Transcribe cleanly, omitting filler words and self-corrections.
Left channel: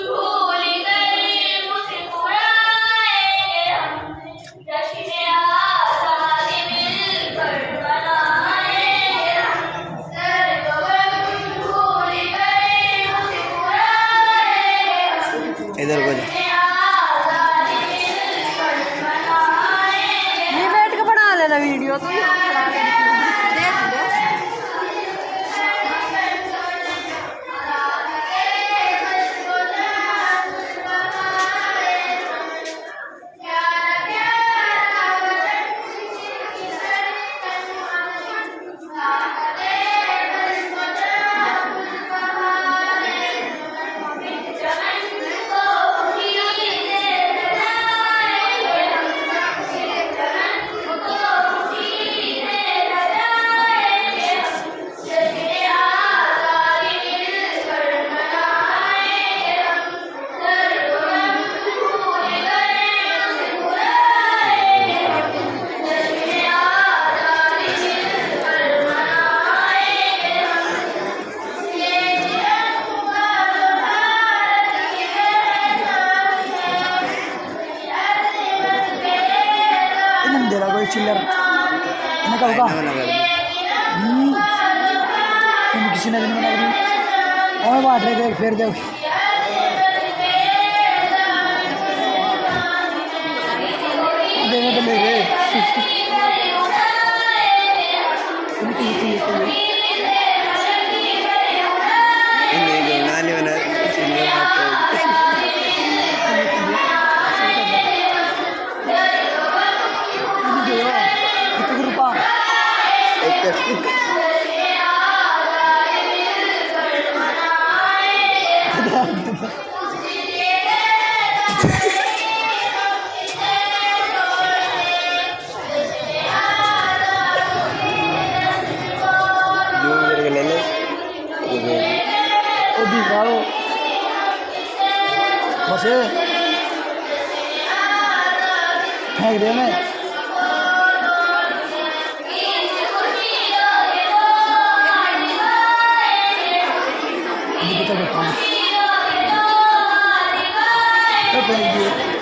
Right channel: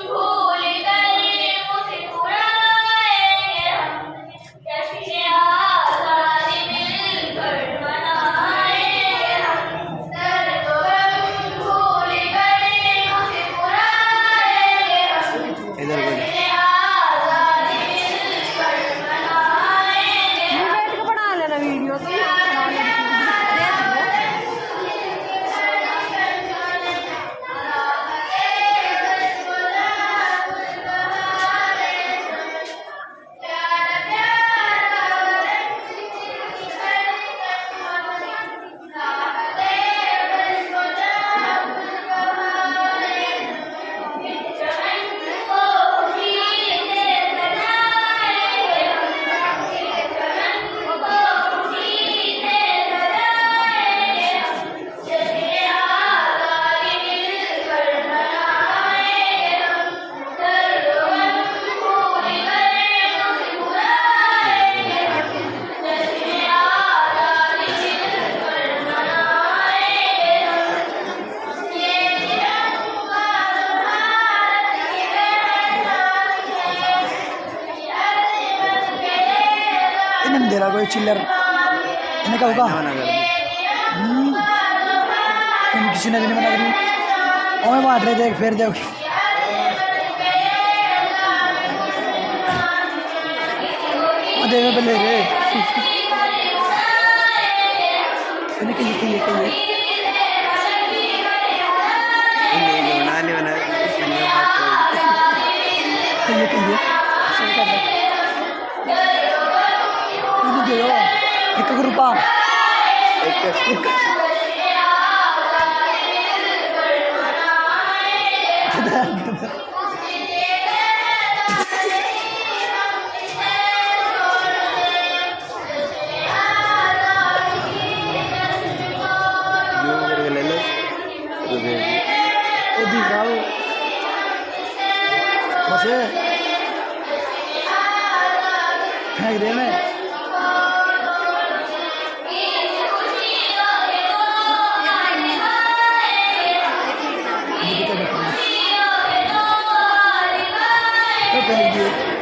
भूल गए मुझे बुलाएंगे हम जश्न आज़ादी मिलकर मनाएंगे हम सर्वगम भूल गए मुझे बुलाएंगे हम इधर बोल जश्न आज़ादी मिलकर मनाएंगे ये बैठ के बना लेना वीडियो तो ये बना लेना इन्हें दे रहा कोई चिल्लर इन्हें कब का तुम किसी ने भी नहीं मना करी और बात रहे देख फिर देख देने पे ले रे इन्हें बना ले बना चिल्लर एक रुपया एक जो मेरे ले लो ओ दिखाओ बस फेंक देना तो फेंक दिए